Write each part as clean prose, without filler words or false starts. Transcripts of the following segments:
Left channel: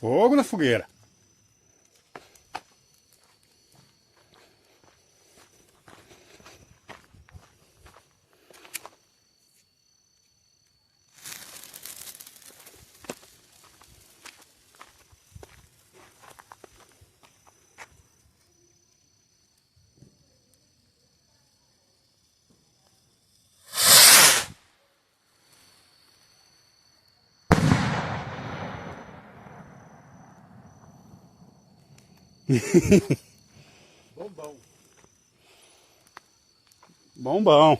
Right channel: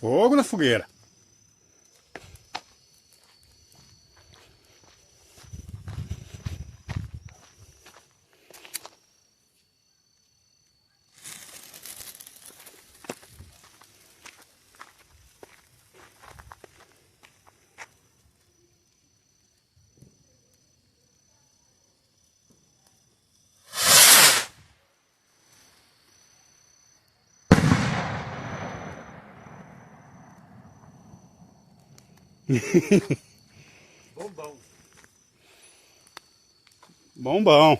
Fogo na fogueira. Bombão. Bombão.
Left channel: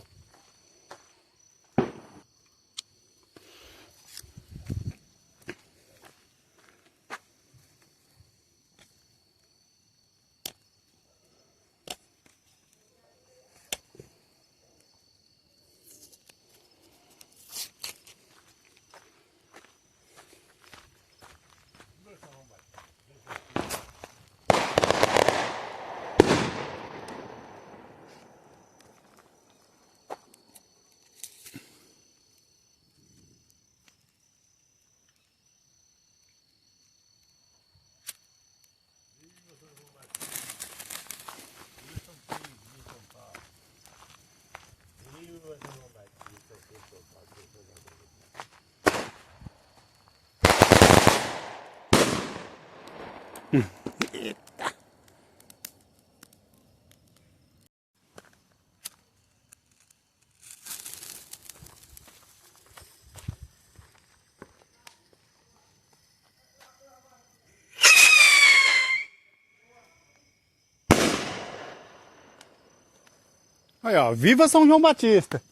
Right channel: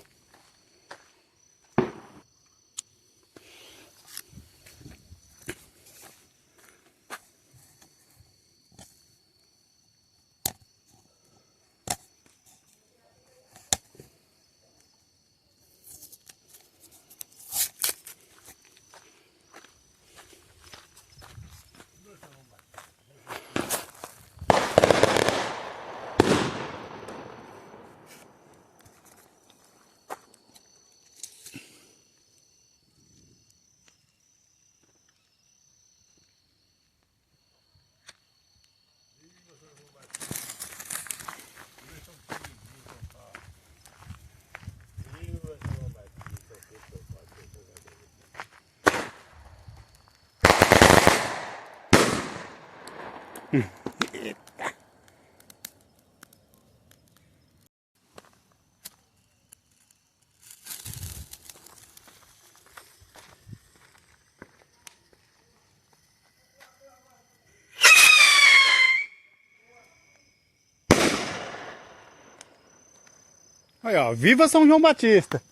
Aí, ó, viva São João Batista!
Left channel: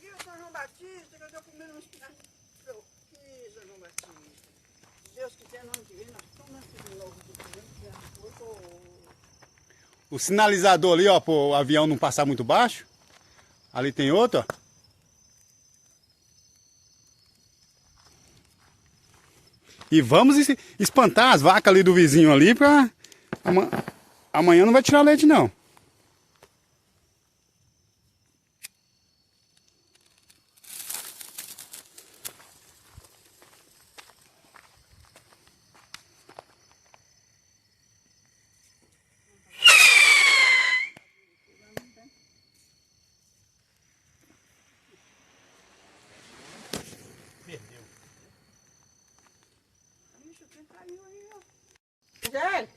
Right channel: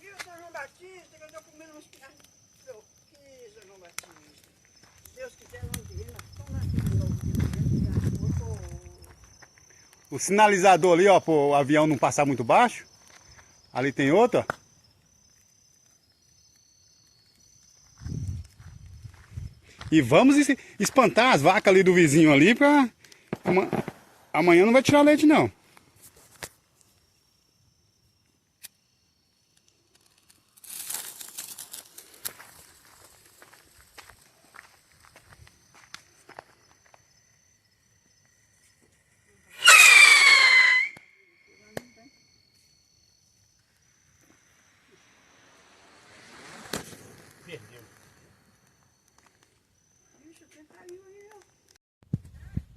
Viva São João Batista, que eu tô comendo uns piados. Que São João Batista. Deus quiser, nós vemos. Nós nascemos de novo. O sinalizador ali, ó, para o avião não passar muito baixo. Ali tem outro, ó. E vamos espantar as vacas ali do vizinho ali pra... Amanhã não vai tirar leite, não. Perdeu. Ixi, quem caiu aí, ó? Sério?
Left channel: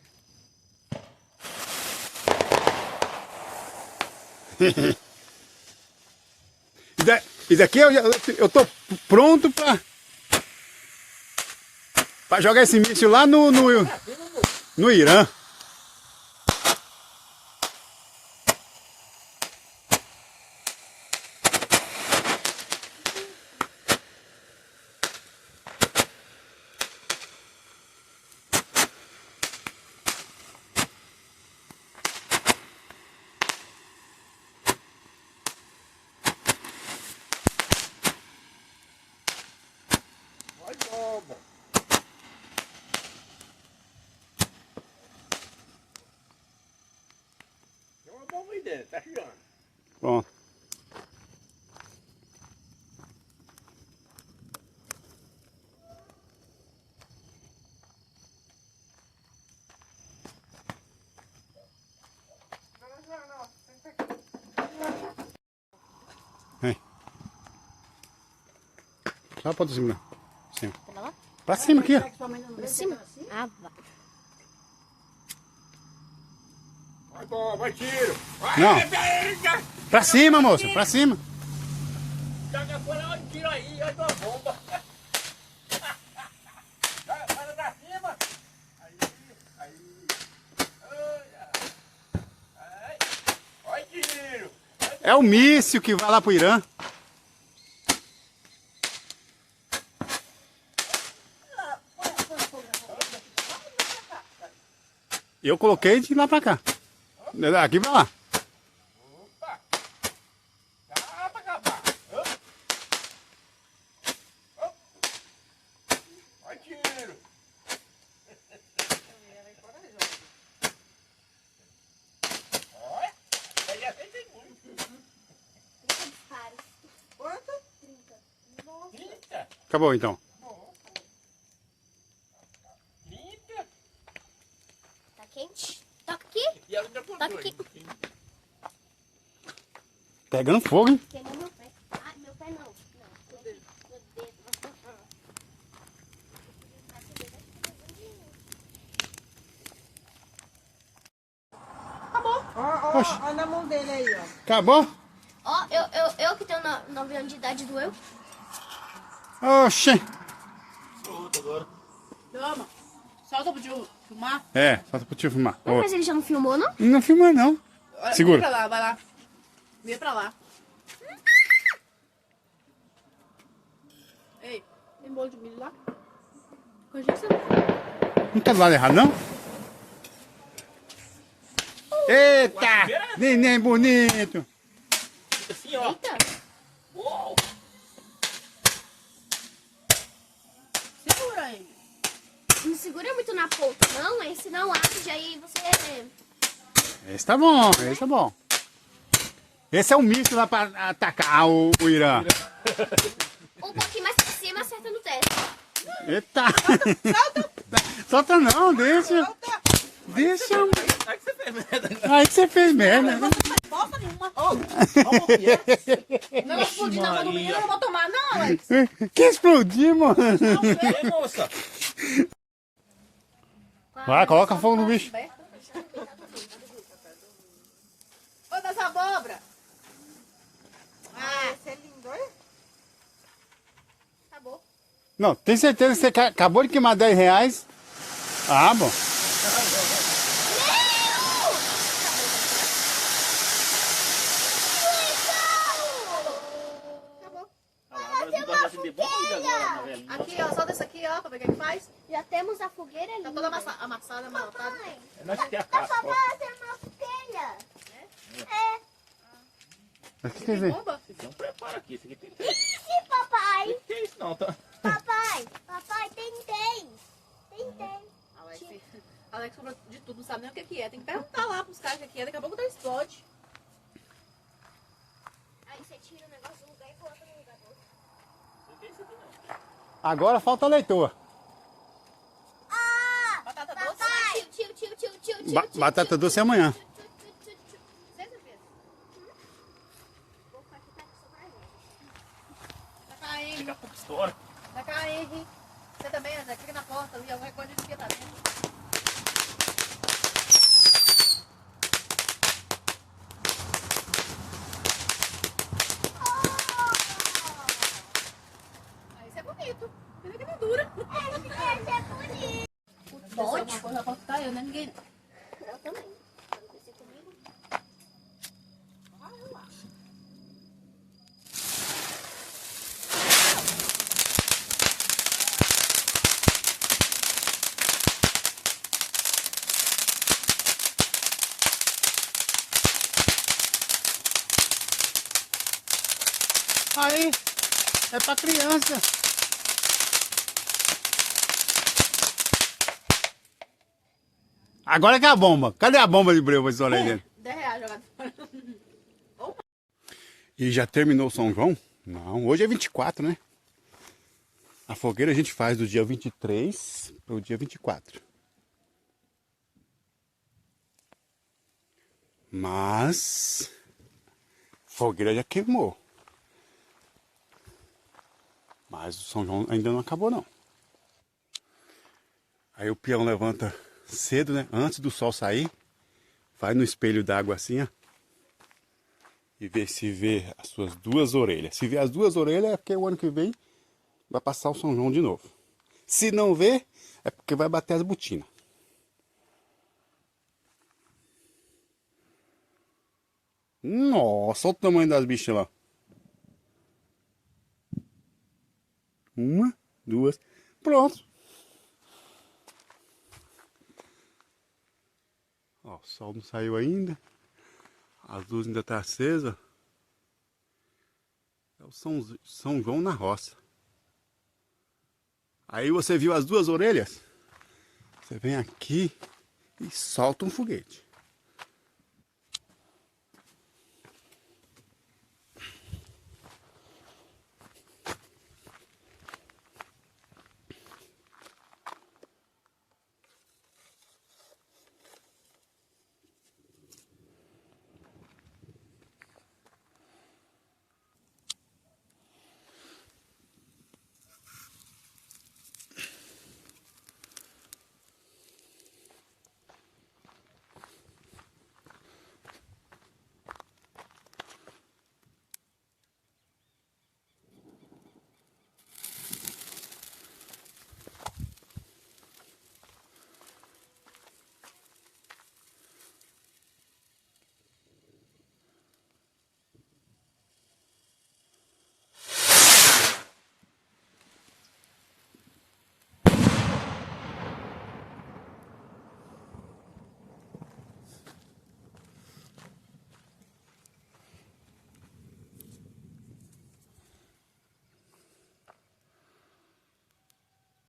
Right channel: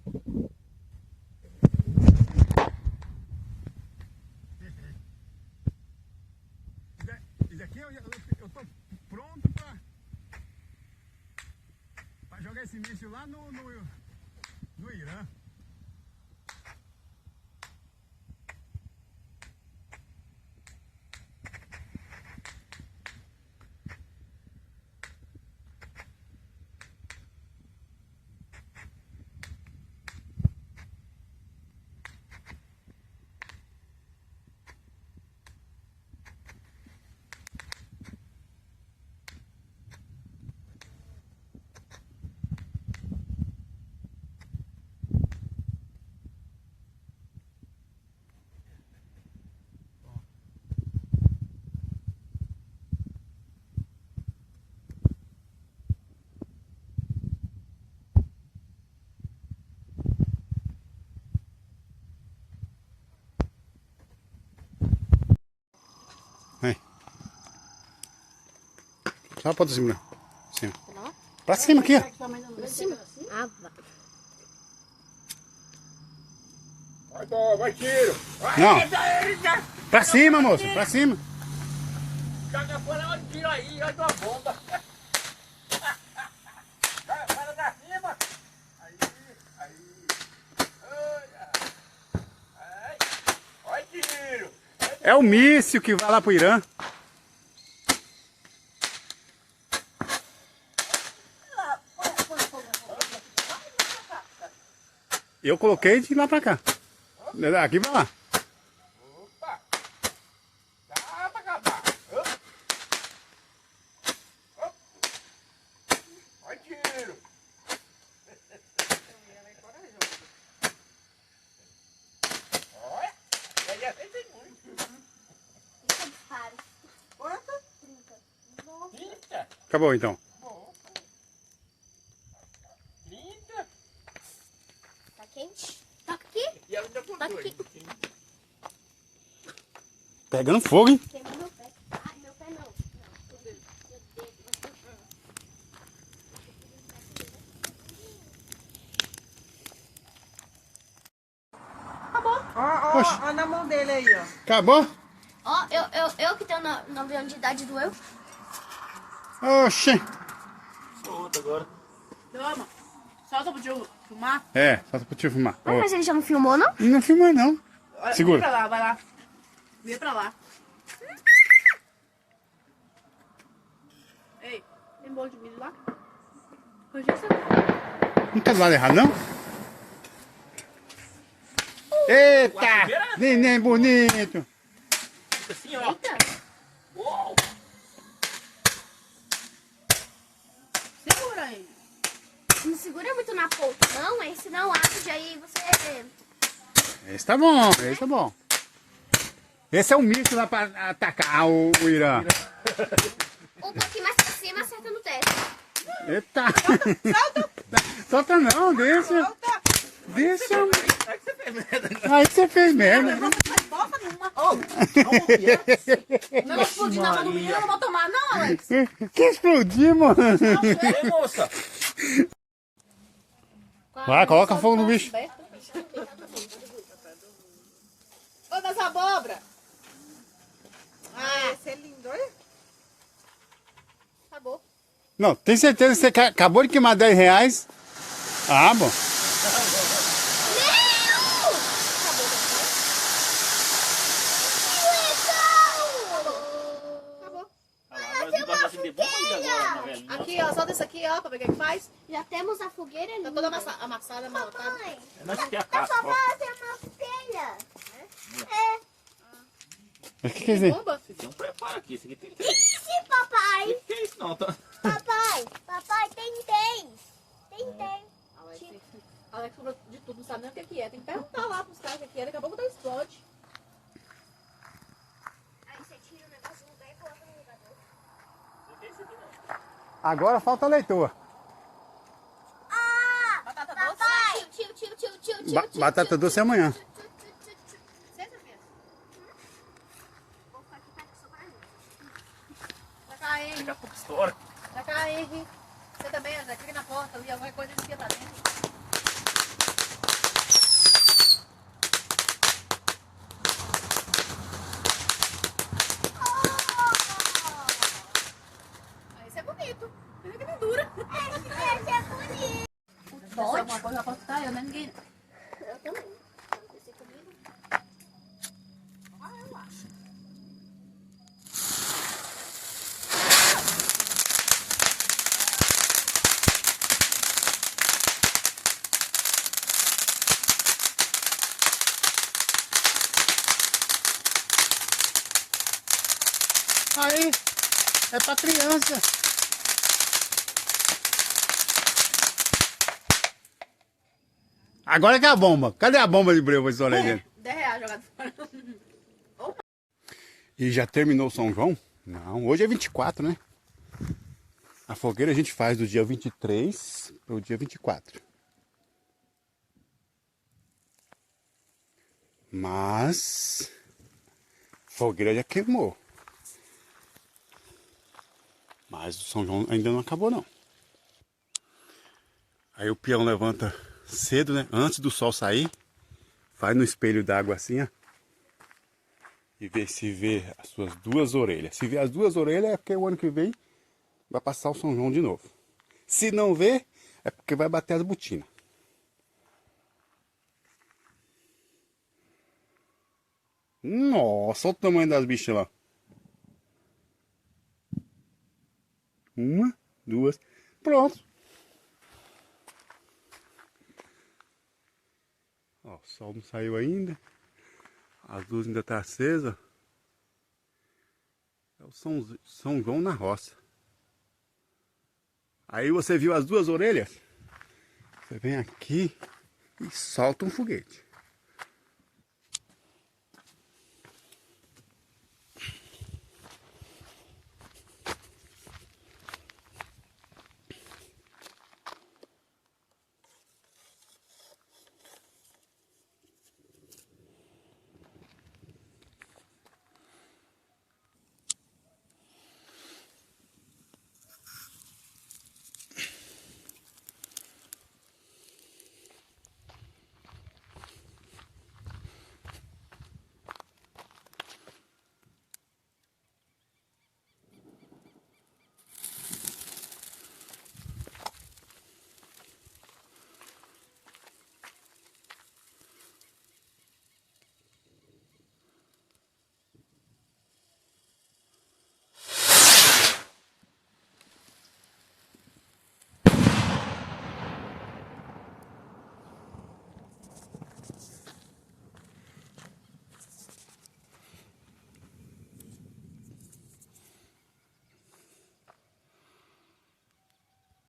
Isso daqui eu tô pronto pra jogar esse míssil lá no Irã. Tem uma bomba aí dentro, tá girando. Pronto. Vem. Só pra cima. Cima. Pra cima aqui, ó. Pra cima? Ah, vai. Vai bomba, vai tiro. Não. Pra cima, moça. Pra cima. Joga fora, olha o tiro aí, olha a bomba. Vai pra cima. Aí. Olha. Aí. Olha tiro. É o míssil que vai lá pro Irã. Eu coloquei de lá pra cá. Daqui pra lá. Opa. Dá pra acabar. Olha tiro. Olha. Ele já fez muito. Fica disparos. Quanto? 30. Nossa. 30? Acabou então. Tá quente? Toca aqui. Toca aqui. Pegando fogo, hein? Queimou meu pé. Ai, meu pé não. Meu dedo. Oxe. Ó na mão dele aí, ó. Acabou? Ó, eu que tenho 9 anos de idade doeu. Oxê. Toma. Solta pro tio fumar. É, só pro tio filmar. Não, mas ele já não filmou, não? Não filma não. Segura. Vem pra lá, vai lá. Vem pra lá. Ei, tem bolo de milho lá? Hoje você não. Não tá do lado errado, não? Eita! Neném bonito! Assim, ó. Eita. Uou. Segura aí. Não segura muito na ponta, não, aí senão arde, aí você... Esse tá bom, esse tá bom. Esse é o míssil lá pra atacar o Irã. Um pouquinho mais pra cima, acerta no teto. Eita! Solta não, deixa. Deixa. Aí que você fez merda. Aí que você fez merda. Não explodir na mão do menino, eu não vou tomar, não, Alex. Que explodiu, mano. Ei, moça. Vai, coloca fogo no bicho. Ô, das abobras. Ah, esse é lindo, olha. Acabou. Não, tem certeza que você acabou de queimar 10 reais? Ah, bom. Aqui, ó, solta isso aqui, ó, pra ver o que faz. Já temos a fogueira ali. Tá toda amassada, amaltada. Nós que é a casca, ó. Mas o que quer dizer? Bomba? Você tem um preparo aqui. Isso aqui tem que Sim, papai. que é isso não, tá? Papai, tem. Alex falou de tudo, não sabe nem o que é. Tem que perguntar lá pros caras o que é, daqui a pouco explode. Aí você tira o negócio do lugar e coloca no lugar do outro. Agora falta a leitor. Batata doce. Tio. Batata doce é amanhã. Da cá, Henry. Daqui a pouco estoura. Da cá, Henry. Você também, André, fica na porta. Eu ia alguma coisa aqui pra dentro. Isso é bonito. Isso aqui não dura. Se alguma coisa, eu posso ficar, eu, né? Ninguém. Eu também. Quando crescer comigo. Ah, eu acho. Aí, é pra criança. Agora que é a bomba. Cadê a bomba de breu pra estourar aí dentro? 10 reais jogado fora. E já terminou o São João? Não, hoje é 24, né? A fogueira a gente faz do dia 23 pro dia 24. Mas a fogueira já queimou. Mas o São João ainda não acabou não. Aí o peão levanta cedo, né? Antes do sol sair. Vai no espelho d'água assim, ó. E vê se vê as suas duas orelhas. Se vê as duas orelhas é porque o ano que vem vai passar o São João de novo. Se não vê, é porque vai bater as botinas. Nossa, olha o tamanho das bichas lá. Uma, duas, pronto. Ó, o sol não saiu ainda. As luzes ainda estão acesas. É o São João na roça. Aí você viu as duas orelhas? Você vem aqui e solta um foguete.